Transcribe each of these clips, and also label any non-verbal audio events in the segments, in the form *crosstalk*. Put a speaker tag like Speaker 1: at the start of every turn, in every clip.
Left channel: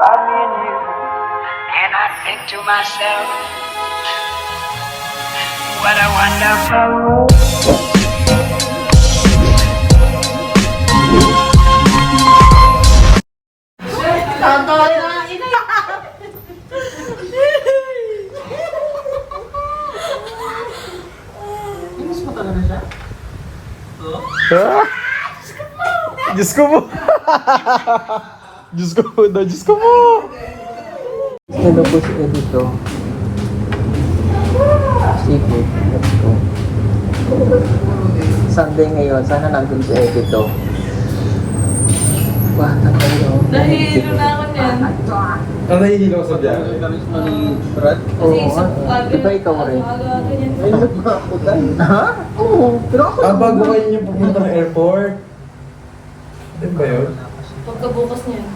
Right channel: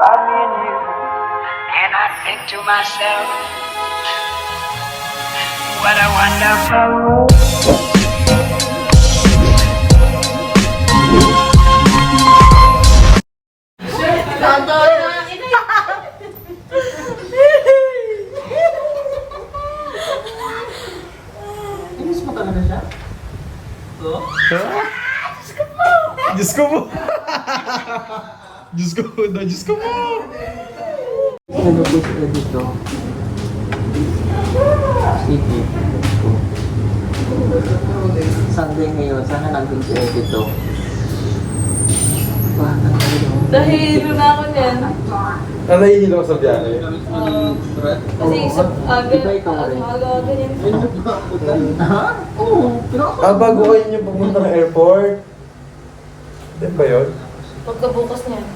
Speaker 1: by me and you. And I think to myself, what a wonderful world.
Speaker 2: Diyos ko po! Diyos ko po daw, Diyos ko po!
Speaker 3: Hello po sila dito. Sige, let's go. Sunday ngayon, sana nandun si Edito. Wah, tayo.
Speaker 4: Nahihilo na ako niyan.
Speaker 2: Ano yung mo sa biyahe?
Speaker 4: Kasi isa
Speaker 3: Oo, Di ba ikaw rin?
Speaker 4: Aga-aga yan.
Speaker 3: Ha? Oo, pero ako.
Speaker 2: Ah, bago kayo niyo pupunta ng airport? Yan ba yun?
Speaker 4: Pagkabukas niyan.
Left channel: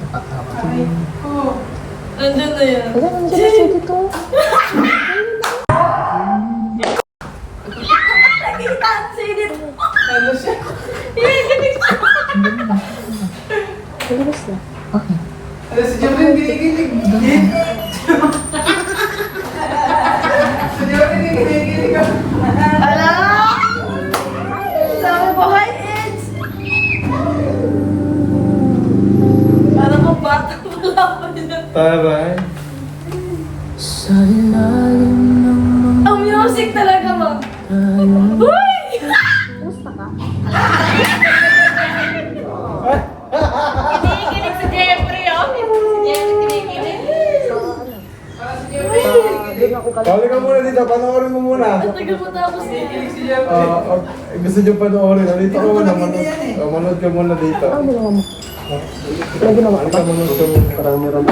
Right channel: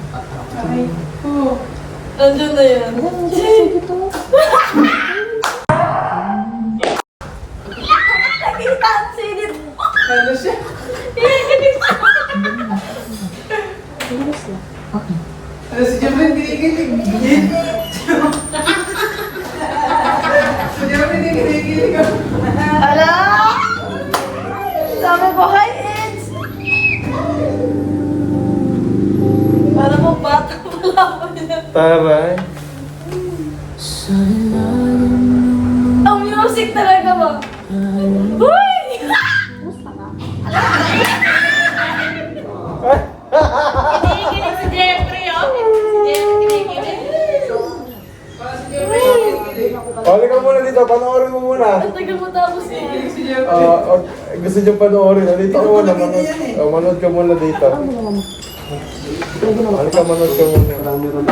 Speaker 4: Nandun na yan.
Speaker 3: Wala, nandiyan na si Edito.
Speaker 4: Nakita ang mo. Ano siya? Nakikita.
Speaker 3: Bilis na.
Speaker 4: Ala! Sabi ko, hi,
Speaker 2: Taray.
Speaker 3: Sa ilalim ng
Speaker 4: Ang music talaga ba? Uy! Kinikilig si Jeffrey, oh. Si Jeffrey kinikilig.
Speaker 2: Pali ka muna dito, panoorin mo muna.
Speaker 4: Ang tagal mo tapos kinikilig si Jeffrey.
Speaker 2: Ah, ok, gusto niyo panoorin. Dito ka muna, manood, ah, manood ka muna dito.
Speaker 3: Ano mo? Ano ginawa
Speaker 2: Pali ka, manood ka muna.
Speaker 3: Parang meron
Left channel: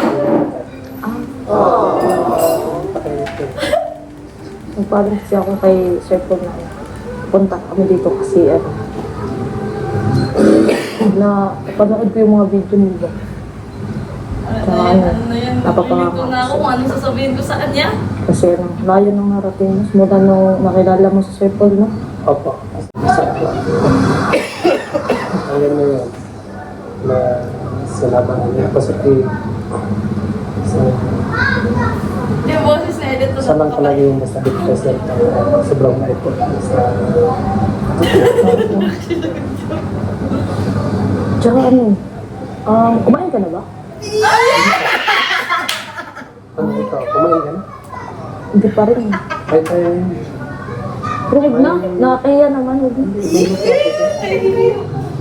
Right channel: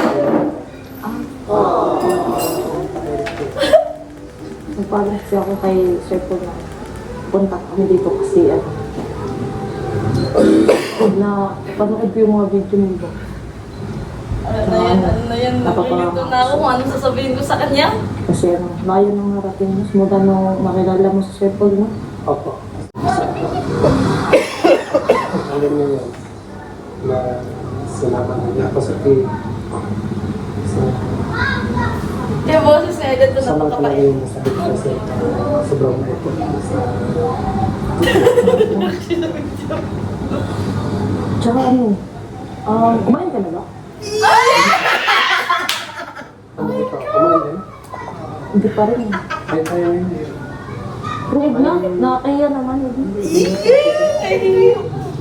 Speaker 3: Nagparin kasi ako kay Sir Paul na punta kami dito kasi ano na panood ko yung mga video nila.
Speaker 4: Ano na yan, ano na yan. Napapanig ko na ako kung anong sasabihin ko sa kanya.
Speaker 3: Kasi ano, layo nang narating mo. Mula nung nakilala mo si Sir Paul, no?
Speaker 5: Opo. Alam mo yun, na sinabi niya positive. Sa,
Speaker 4: Yung boses na edit
Speaker 5: sa lang talaga yung nasa dito sa sobrang effort sa
Speaker 3: Tsaka ano, um, kumain ka na ba?
Speaker 5: ano ito, kumain din.
Speaker 3: Hindi pa rin.
Speaker 5: Kahit tayo yun.
Speaker 3: Pero huwag na, nakakaya naman. Hindi.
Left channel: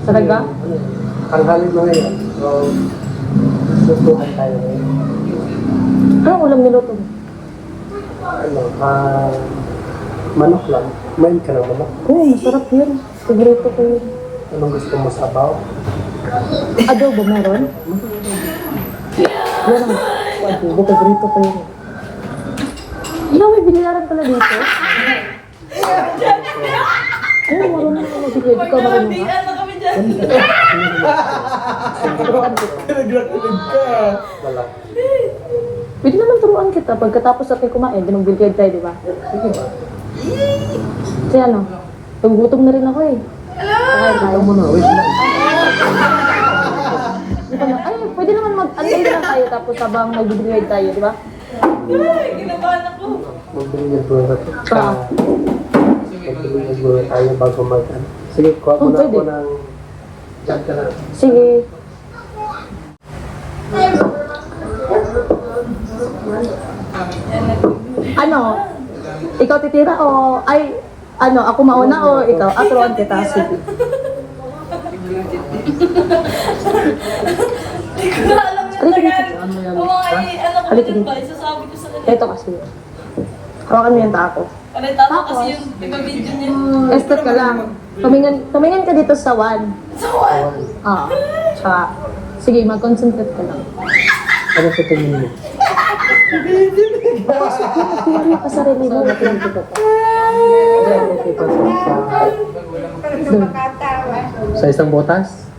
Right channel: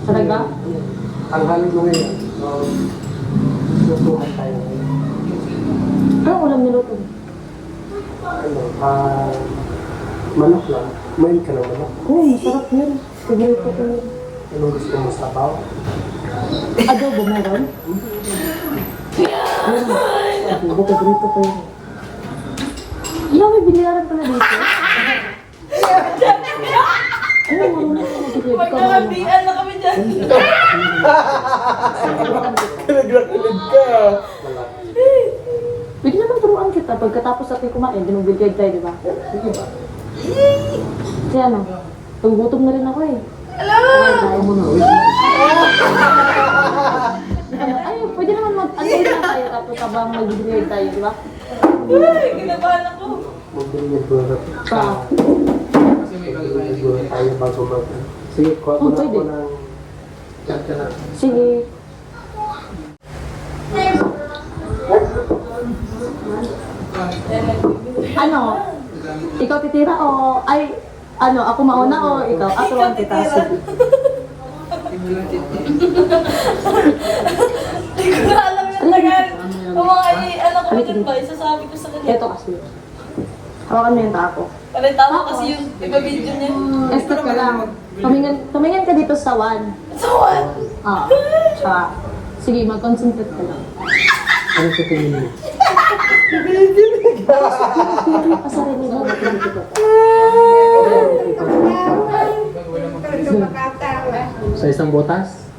Speaker 3: Talaga?
Speaker 5: Ang halin mo ngayon, so, susukan tayo ngayon.
Speaker 3: Ano ulam niluto?
Speaker 5: Ano, ah, manok lang. Main ka na manok.
Speaker 3: Oo, masarap yun. Favorito ko yun.
Speaker 5: Anong gusto mo sabaw?
Speaker 3: Adobo meron? Meron. Adobo, favorito ko yun. Ikaw may binayaran pala dito? *laughs* Ano, marunong ka magbigay. Ikaw marunong
Speaker 4: dyan.
Speaker 2: Ka.
Speaker 3: Pwede naman turuan kita. Pagkatapos natin kumain, binugbigay tayo, di ba? Kasi ano, gugutom na rin ako eh.
Speaker 4: Hello!
Speaker 5: Mo na.
Speaker 3: Ay, pwede naman mag yun lang tayo tapos habang magbibigay tayo, di ba?
Speaker 4: Uy, kinabahan ako.
Speaker 5: Magbigay ko na ko na tayo bago mag... Sige, kuha ko na ako ng... Diyan ka na.
Speaker 3: Sige. Ano? Ikaw titira o ay ano, ako mauna o ikaw? Aturuan kita. Sige.
Speaker 4: Hindi ko na alam yung tagal. Kung mga ano ko din ba, isasabi ko sa kanya.
Speaker 3: Ito kasi. Hawakan mo yung tako.
Speaker 4: Pare, tama kasi yun. Iba video niya.
Speaker 3: Estet ka lang. Tumingin, tumingin ka dito sa one.
Speaker 4: So what?
Speaker 3: Ah. Tsaka, sige, mag-concentrate ka lang.
Speaker 5: Ano sa tingin mo?
Speaker 3: Pili ka sarili mo. Pinili ko ka.
Speaker 5: Ito
Speaker 3: Doon.
Speaker 5: sa isang botas?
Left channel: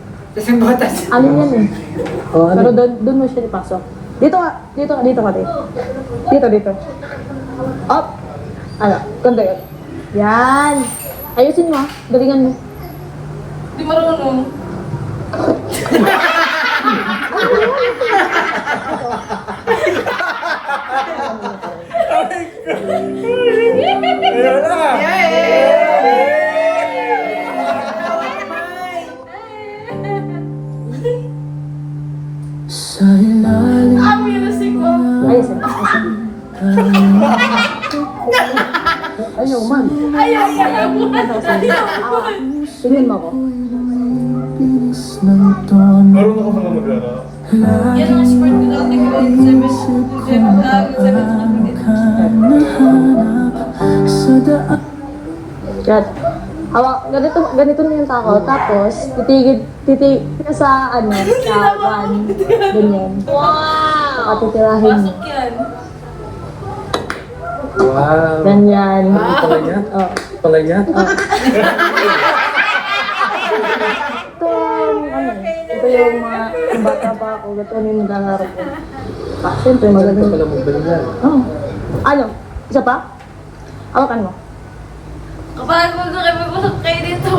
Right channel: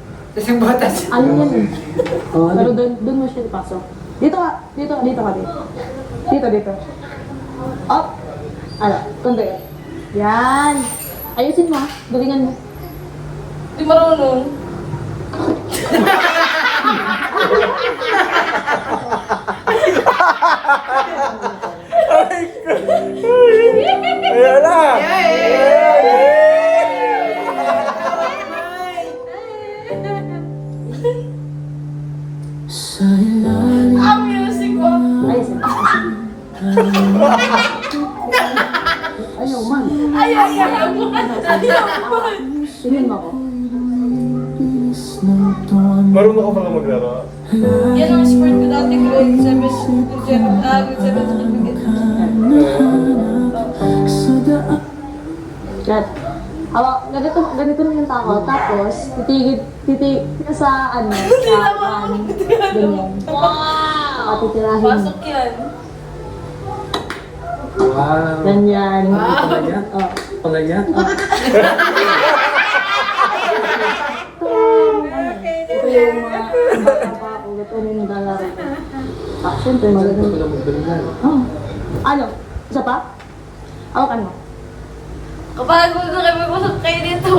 Speaker 3: Ano yan eh?
Speaker 5: O
Speaker 3: Pero
Speaker 5: ano?
Speaker 3: doon, doon mo siya ipasok. Dito ka, dito ka, dito ka rin. Dito, dito. Up. Ano? Tondo yun. Yan. Ayusin mo ha. Galingan mo.
Speaker 4: Di marunong.
Speaker 3: Ay,
Speaker 4: Wala na.
Speaker 3: Tingin mo ako.
Speaker 2: Marunong ako pala maglaro.
Speaker 4: Yan ang sport ko dati grade 7 to 7 ah, grade 7
Speaker 3: Yan. Hawa, ganito, ganito na yung tao. Tapos, titigil, titig, sa ano, sa kan, ganyan.
Speaker 4: Wow!
Speaker 3: Saka titirahin.
Speaker 4: Pasok yan.
Speaker 5: Wow.
Speaker 3: Ganyan.
Speaker 5: Yan?
Speaker 3: Oh.
Speaker 5: Pala yan?
Speaker 3: Ito, ano, ito yung mga, bata pa ako, ito yung maglalaro ko. Ah, siyempre,
Speaker 5: Ito
Speaker 3: maganda.
Speaker 5: pala magbalingan.
Speaker 3: Oh. Ano? Isa pa? Awakan mo.
Speaker 4: Kapag gusto kayo dito.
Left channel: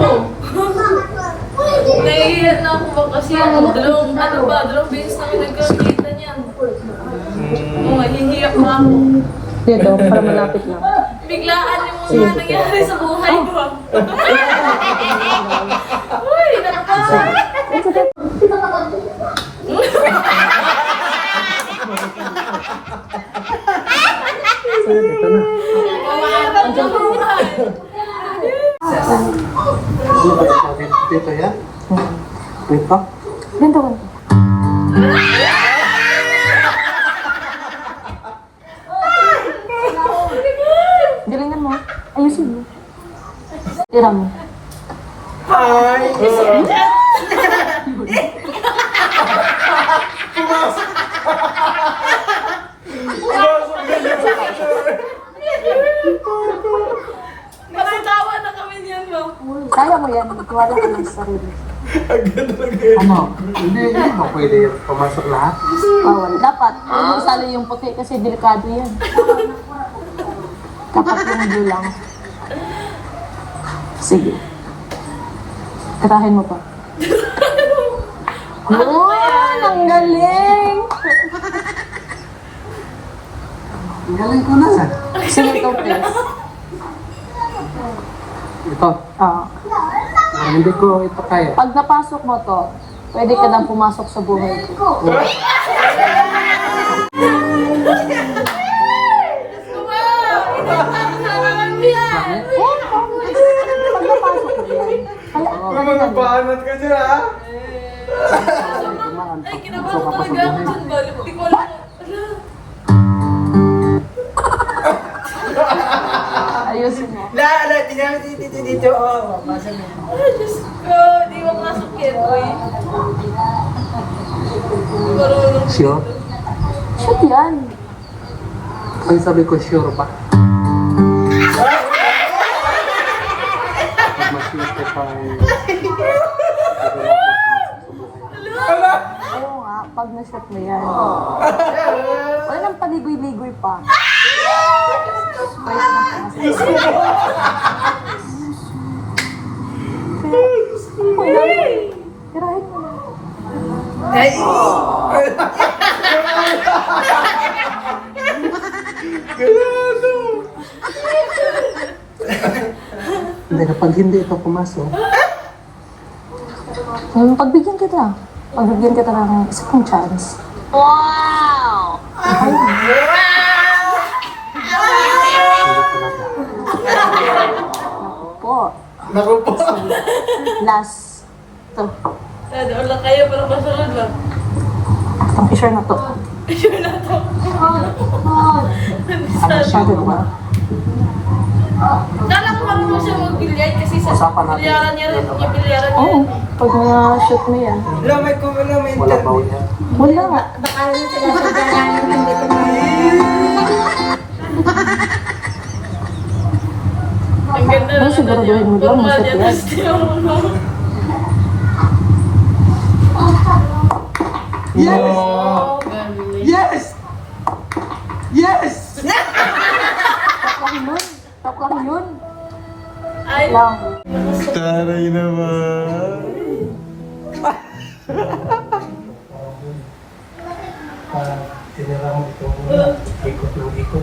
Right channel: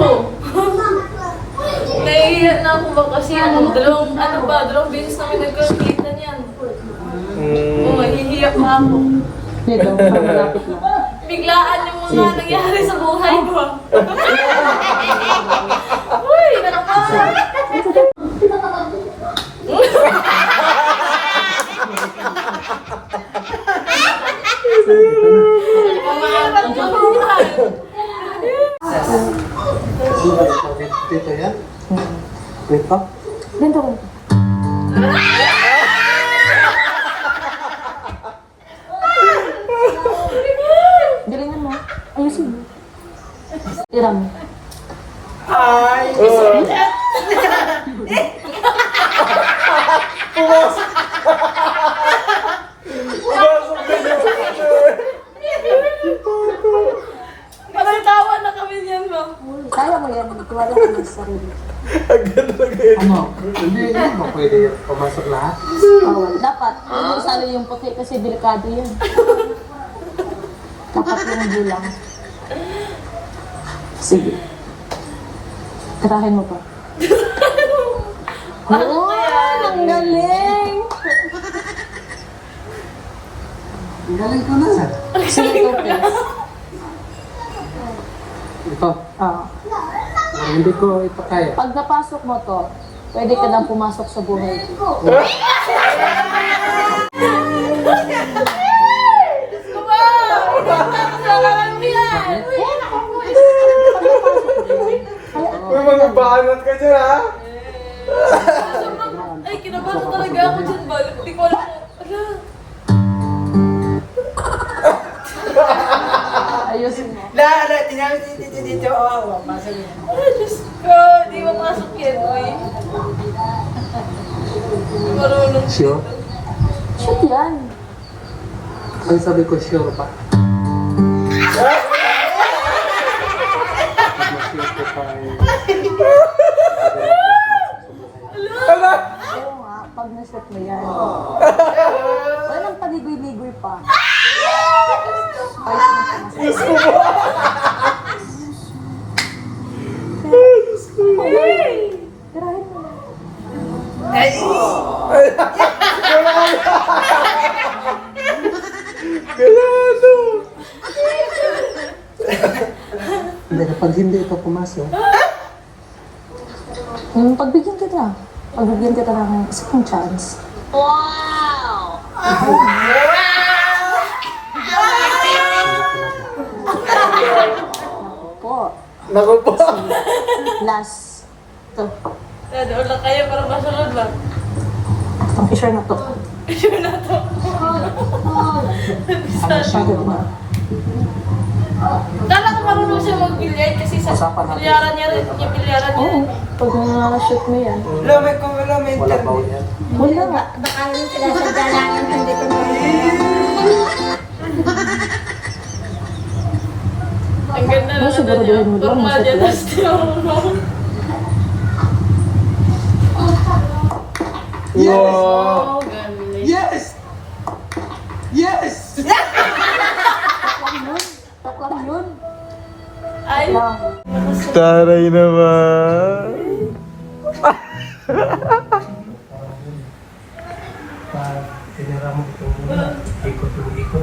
Speaker 4: Nahihiya na ako ba kasi ano, dalawang, ano ba, dalawang beses na kami nagkakita niyan. Oo, hihiya pa ako.
Speaker 3: Dito, para malapit lang.
Speaker 4: Biglaan yung mga nangyari sa buhay ko. *laughs* Uy, nakabahan.
Speaker 5: Ito na.
Speaker 4: Pangarap ko buhay.
Speaker 5: Dito yan? Dito?
Speaker 3: Dito ko. Galingan mo. Ayusin mo. Tira mo.
Speaker 4: Parang tawa na kami niyan, ma.
Speaker 3: Kaya mo yan. Ikuwala ka ng sarili.
Speaker 5: Ano? Hindi, hindi mo pwede pumasok lahat.
Speaker 3: Bawal. Dapat. Huwag mo sali yung puti kasi delikado yan. Dapat yung bilang. Sige. Tirahin mo pa. *laughs* Oo, ang galing!
Speaker 5: Ang galing ko na.
Speaker 3: Sige, ito please.
Speaker 5: Ito.
Speaker 3: Ah.
Speaker 5: Hindi ko ito kaya.
Speaker 3: Pag napasok mo to, pwede ka nang pumasok sa buhay.
Speaker 2: Magpaanot ka dyan ha?
Speaker 4: Ay, kinabahan talaga ako dyan, ba? Hindi ko alam. Ala.
Speaker 3: Ayusin mo.
Speaker 6: Na, ano, tinawag dito, dito, oh, pasok yan.
Speaker 4: Ay, Diyos ko. Di mapasok yan, uy. Marunong.
Speaker 5: Sure?
Speaker 3: Shoot yan.
Speaker 5: Ang sabi ko, sure pa.
Speaker 3: Na-shoot mo yan. Wala nang paligoy-ligoy pa. Tirahin mo.
Speaker 5: Hindi, kapag hindi ito pumasok,
Speaker 3: Yung pagbigyan kita. Pagbigyan kita ng second chance. Po.
Speaker 2: Naku po.
Speaker 3: Last. To.
Speaker 4: Eh, doon lang kayo para masunod ba?
Speaker 3: Ang picture na to.
Speaker 4: Sure na to.
Speaker 3: Masyado na.
Speaker 4: Kala ko marunong siya mag-bilyard kasi sa bilyaran niya rin, niya bilyaran niya
Speaker 3: Oo.
Speaker 4: rin.
Speaker 3: Pag na-shoot mo yan.
Speaker 6: Wala, may, wala, may
Speaker 5: wala pa
Speaker 6: interview.
Speaker 3: Wala nga. Baka yung sinasadya lang hindi ko na.
Speaker 4: Ang ganda na
Speaker 3: mo ba?
Speaker 4: Formal niya,
Speaker 3: Nasa
Speaker 4: tapos di marunong.
Speaker 2: Wow.
Speaker 4: Ay
Speaker 2: naman.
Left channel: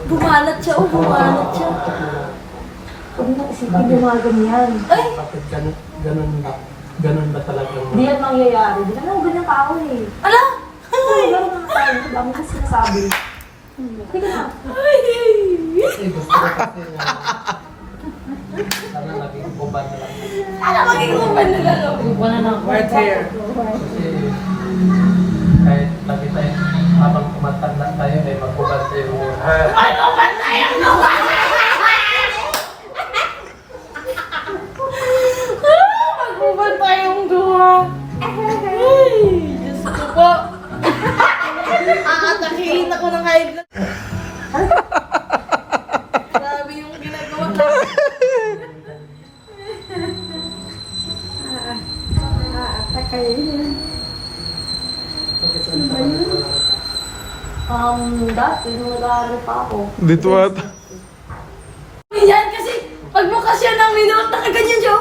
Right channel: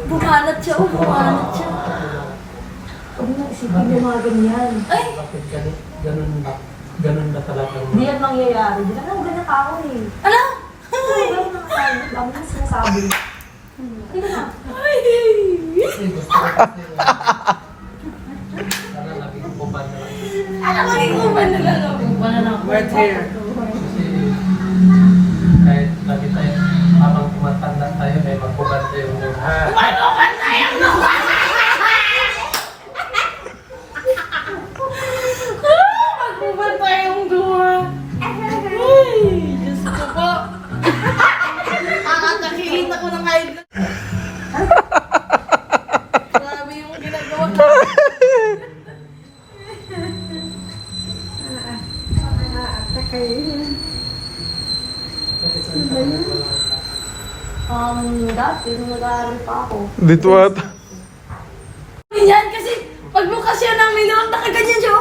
Speaker 4: Bumanat siya, oh, bumanat siya.
Speaker 3: Huwag mo isipin yung mga ganyan.
Speaker 4: Ay!
Speaker 5: Bakit gan- ganun ba? Ganun ba talaga?
Speaker 3: Hindi yan mangyayari. Hindi naman ganyan tao eh.
Speaker 4: Ala!
Speaker 3: Ay! Hindi naman tao. Dami ko sinasabi.
Speaker 4: Hindi na. Ay! Ay! magiging nalaro. Wala na ako.
Speaker 6: Right here.
Speaker 5: Kahit lagi tayo, kapag kumatag lang tayo, may magkukat tayo.
Speaker 4: May kukat tayo! Magkukat tayong duha. Ay, Diyos ko po. *laughs* Aatakihin ako ng
Speaker 3: kahit ako.
Speaker 2: Dito at...
Speaker 4: Ganyan kasi pag bukas yan ng minulot, nakaganyan siya.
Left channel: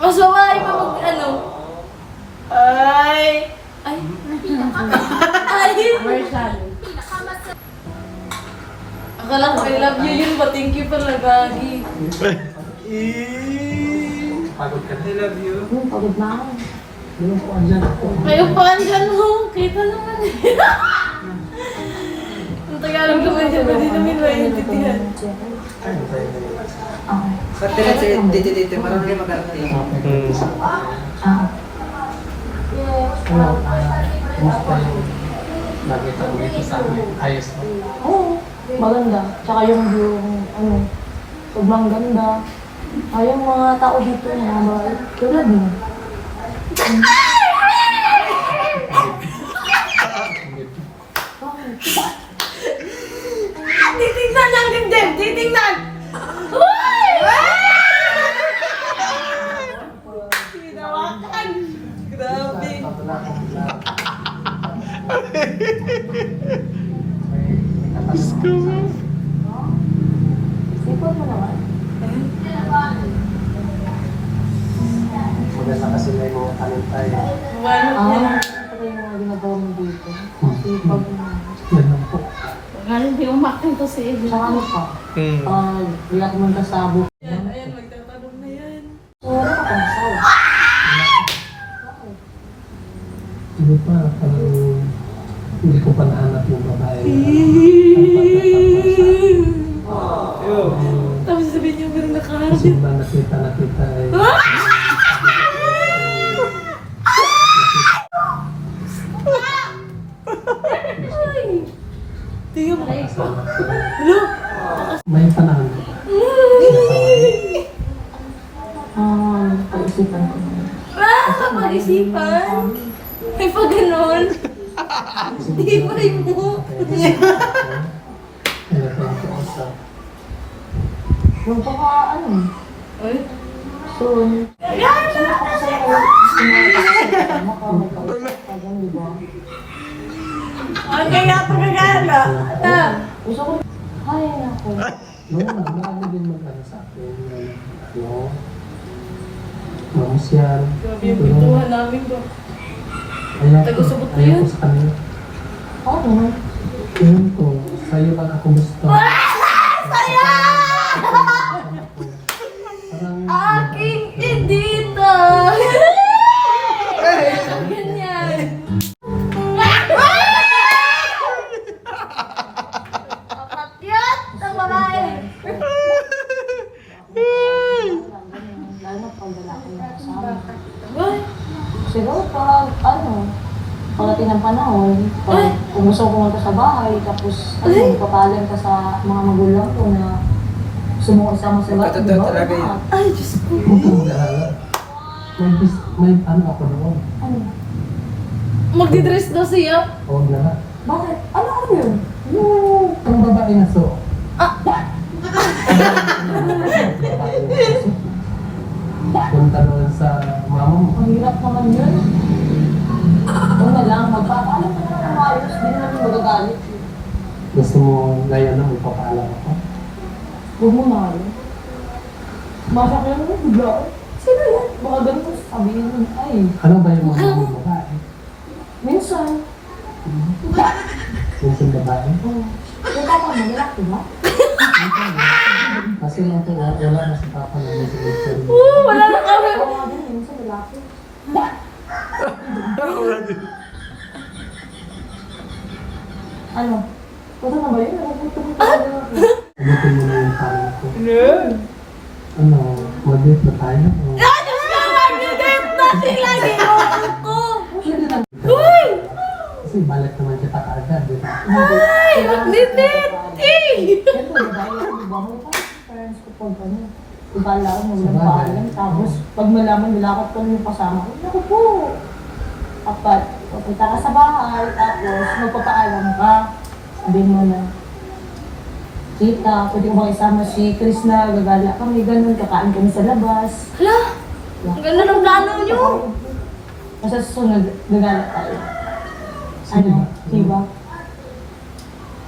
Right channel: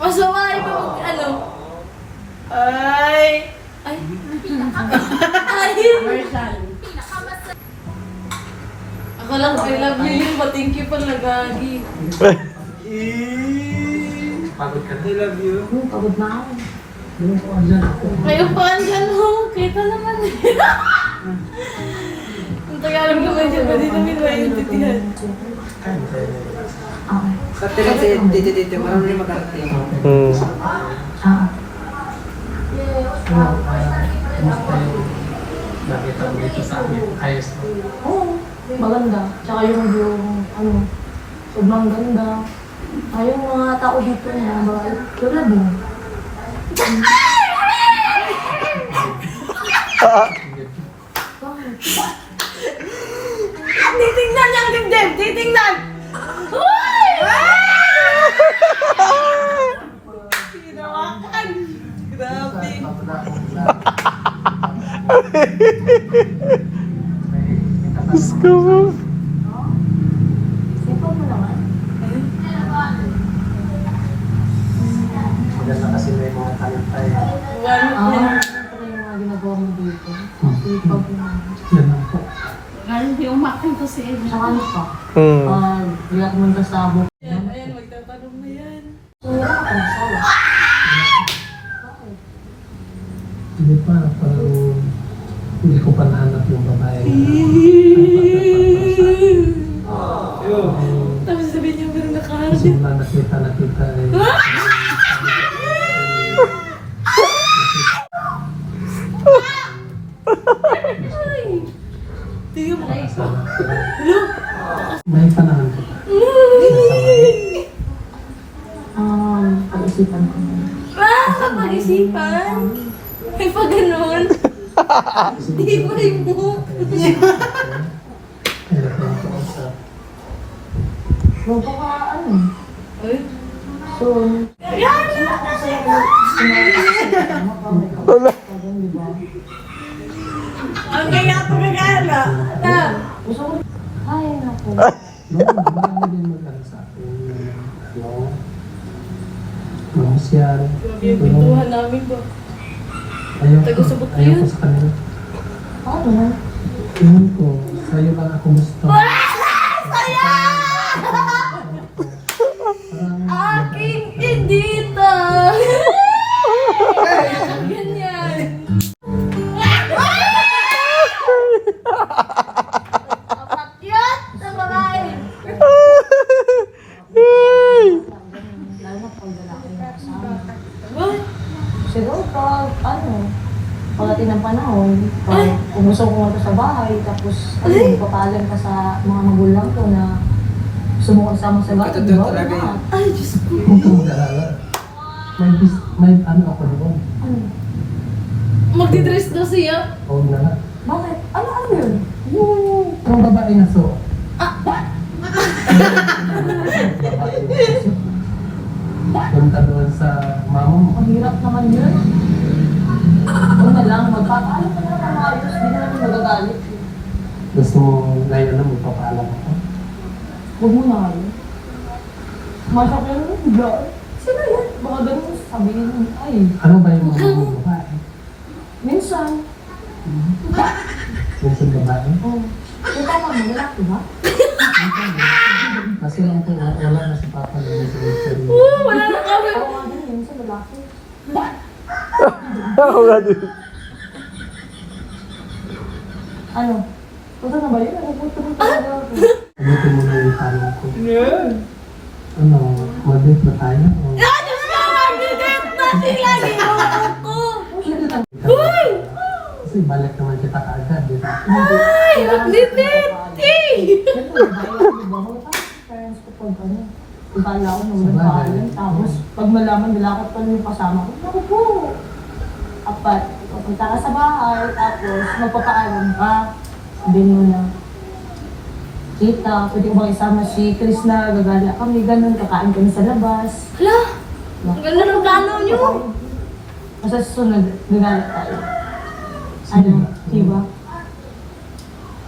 Speaker 4: Mas babae pa mag ano. Ay! Ay! Ay! Ako lang, I love you yun. Ba, thank you pang nabagi.
Speaker 5: Pagod ka
Speaker 6: I love you.
Speaker 3: Pagod na ako.
Speaker 4: Kayo pa, andyan oh. mo. Kita naman eh. *laughs* Ang Tagalog naman dyan, pwede namin maintindihan.
Speaker 6: Swerte na si Titi Titi, marunong yung mag-arte.
Speaker 2: Hmm.
Speaker 5: Nakita ko dito sa ayos mo.
Speaker 3: Oo, maganda. Tsaka yung view, ano, sobrang ganda. Kaya yung mga tao dito na mga tulad mo. *laughs*
Speaker 4: Ah! kanyang dibdib. Titingnan. Uy! Pinawakan. Grabe.
Speaker 2: Gusto mo.
Speaker 5: One, kasi
Speaker 4: hmm.
Speaker 3: ah,
Speaker 4: hindi
Speaker 3: ako pa.
Speaker 2: Hmm.
Speaker 3: Uh, hindi ako magkasabo.
Speaker 4: Ayan, ayan, magtatanong na yan.
Speaker 3: Oo, oh,
Speaker 5: Hindi pa, parang hindi ko pa nahanap yung babae. *laughs* Wala.
Speaker 4: Ang kaya pa na
Speaker 3: gala. Alam. Ay, ako.
Speaker 4: Grabe yung pintuhan namin
Speaker 5: to.
Speaker 4: Tago-sabot na yun.
Speaker 3: Pero parang ano, parating ang panahon, parang umusok ko nga sa bahay, tapos ano, ka sa mga magulang ko na sumukot sa mga sa bahay.
Speaker 6: Totoo talaga yun.
Speaker 4: Ay, Diyos ko.
Speaker 5: May, may ano ako doon.
Speaker 3: Ano?
Speaker 4: Magdidress daw siya?
Speaker 5: Oo na nga.
Speaker 3: Bakit? Ano ano yun?
Speaker 5: Yung... Ang babae na so.
Speaker 4: Ah!
Speaker 5: Punta naman sa
Speaker 3: Mahirap naman yun. Huwag na lang, magpapaalam ka na ng maayos. Hindi na namin magagalit.
Speaker 5: Gusto mong layo na magpapaalam ako?
Speaker 3: Huwag mo na ano? yun. Masakit mo yung bigla. Sino yan? Baka ganun mo sasabihin mo. Ay.
Speaker 5: Ano ba yung mga mga babae?
Speaker 3: Minsan.
Speaker 5: Minsan babae?
Speaker 3: Oo. Yung papa mo, lalaki ba?
Speaker 5: Kasi mungkin lahat naman nasipatan ng mga solution.
Speaker 4: Wala na kami.
Speaker 2: Wala din.
Speaker 3: Ano? Puto na ba yun? Ano
Speaker 5: mo na yung tanong ko? Ano? Madit na tayo?
Speaker 4: Na!
Speaker 3: Uy!
Speaker 5: Kasi balik naman kita kaagad.
Speaker 4: Ay!
Speaker 3: Magnipit! Eh! Pag ano. Ibala ko magmamahal. Tapos, pag malaman nila ka pa yung kasama ko, naku po. Apat, papunta ka sa bahay, tapos magpapaalam ka. Sabihin mo na, Kita, pwede ko ba isama si Chris na gagala kami, ganun, kakain kami sa labas.
Speaker 4: Hala! Ang ganda ng plano nyo!
Speaker 3: Kasi susunod, gagala tayo. Ano, di ba?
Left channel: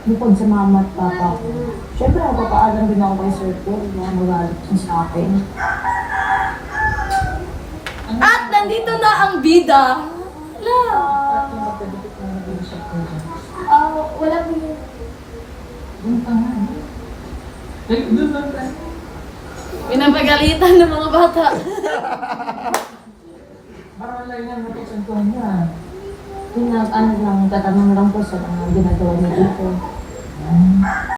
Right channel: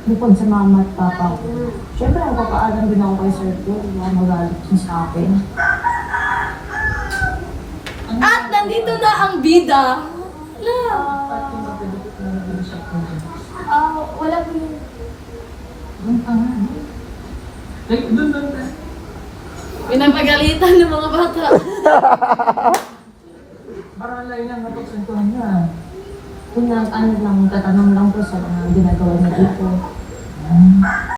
Speaker 3: Bukod sa mama at papa ko. Siyempre, magpapaalam din ako kay Sir ko. Baka magalit siya sa akin.
Speaker 4: At nandito na ang bida! Hala!
Speaker 3: Ah, wala ko yun.
Speaker 4: Pinapagalitan ng mga bata. *laughs*
Speaker 3: Yung nag, ano lang, tatanong lang po sa mga ginagawa niya dito.
Speaker 6: Mm-hmm.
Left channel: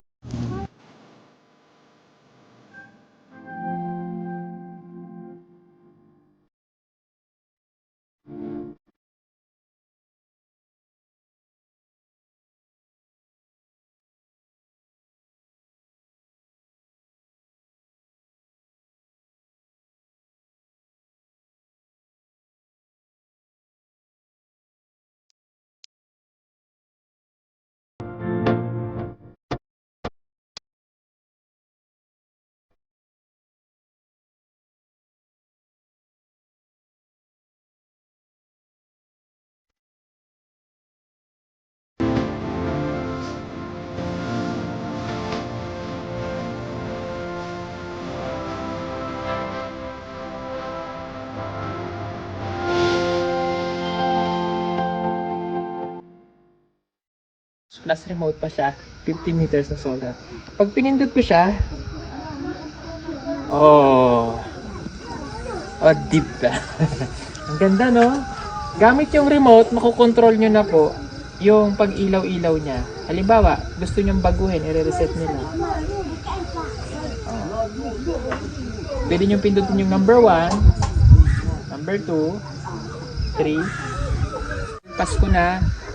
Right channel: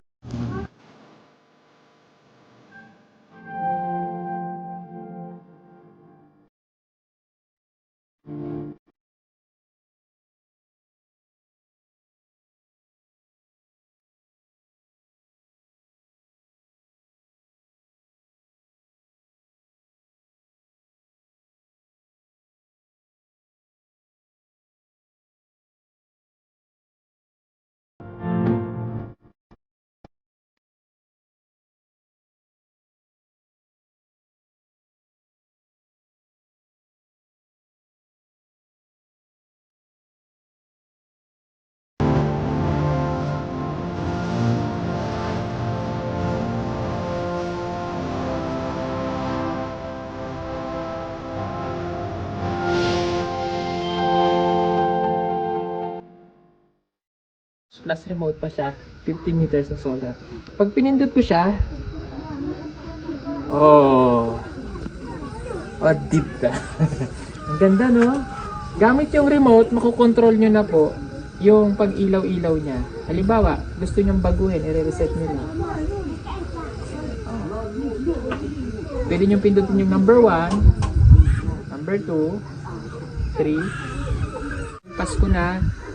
Speaker 6: Plus remote pa siya 50 meters na solar. Pag pinindot ko siya oh oh deep ba *laughs* ang ganda no? Gamit yung remote makokontrol nyo na po yung pag ilaw ilaw niya. Halimbawa gusto nyong baguhin i-reset lang oh. pwede nyo pindutin yung number 1 number 2 3 Pasko na,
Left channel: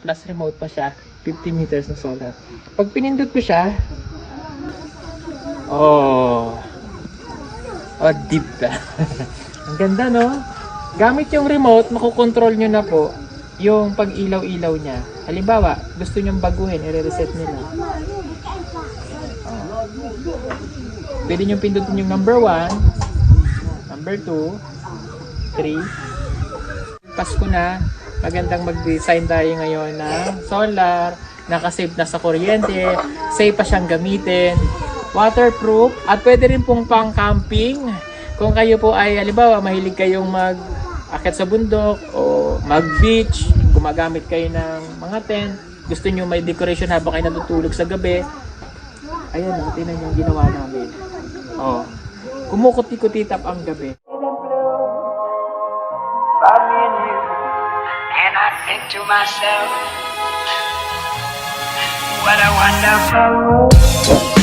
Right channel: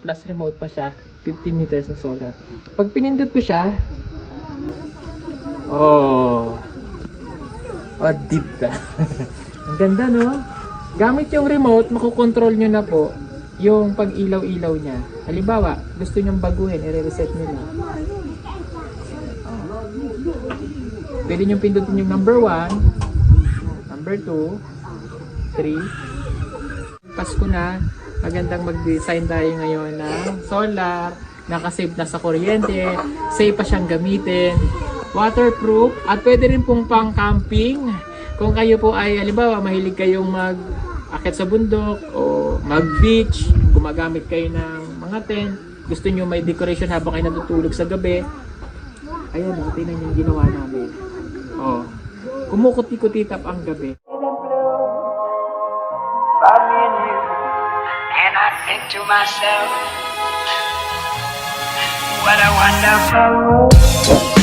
Speaker 6: Plus remote pa siya 50 meters na solar. Pag pinindot ko siya oh oh deep ba *laughs* ang ganda no? Gamit yung remote makokontrol nyo na po yung pag ilaw ilaw niya. Halimbawa gusto nyong baguhin i-reset na oh. pwede nyo pindutin yung number 1 number 2 3 Pasko na, magandang mag-design tayo ngayon ng solar, nakasave na sa kuryente, safe pa siyang gamitin, waterproof, at pwede rin pong pang camping. Kung kayo po ay, halimbawa, mahilig kayong mag akit sa bundok o mag-beach, gumagamit kayo ng mga tent, gusto nyo may decoration habang kayo natutulog sa gabi, ayan nyo yung ginawa namin. Oh, kumukuti-kuti ang gabi.
Speaker 1: About me laughing to myself. What a wonderful world.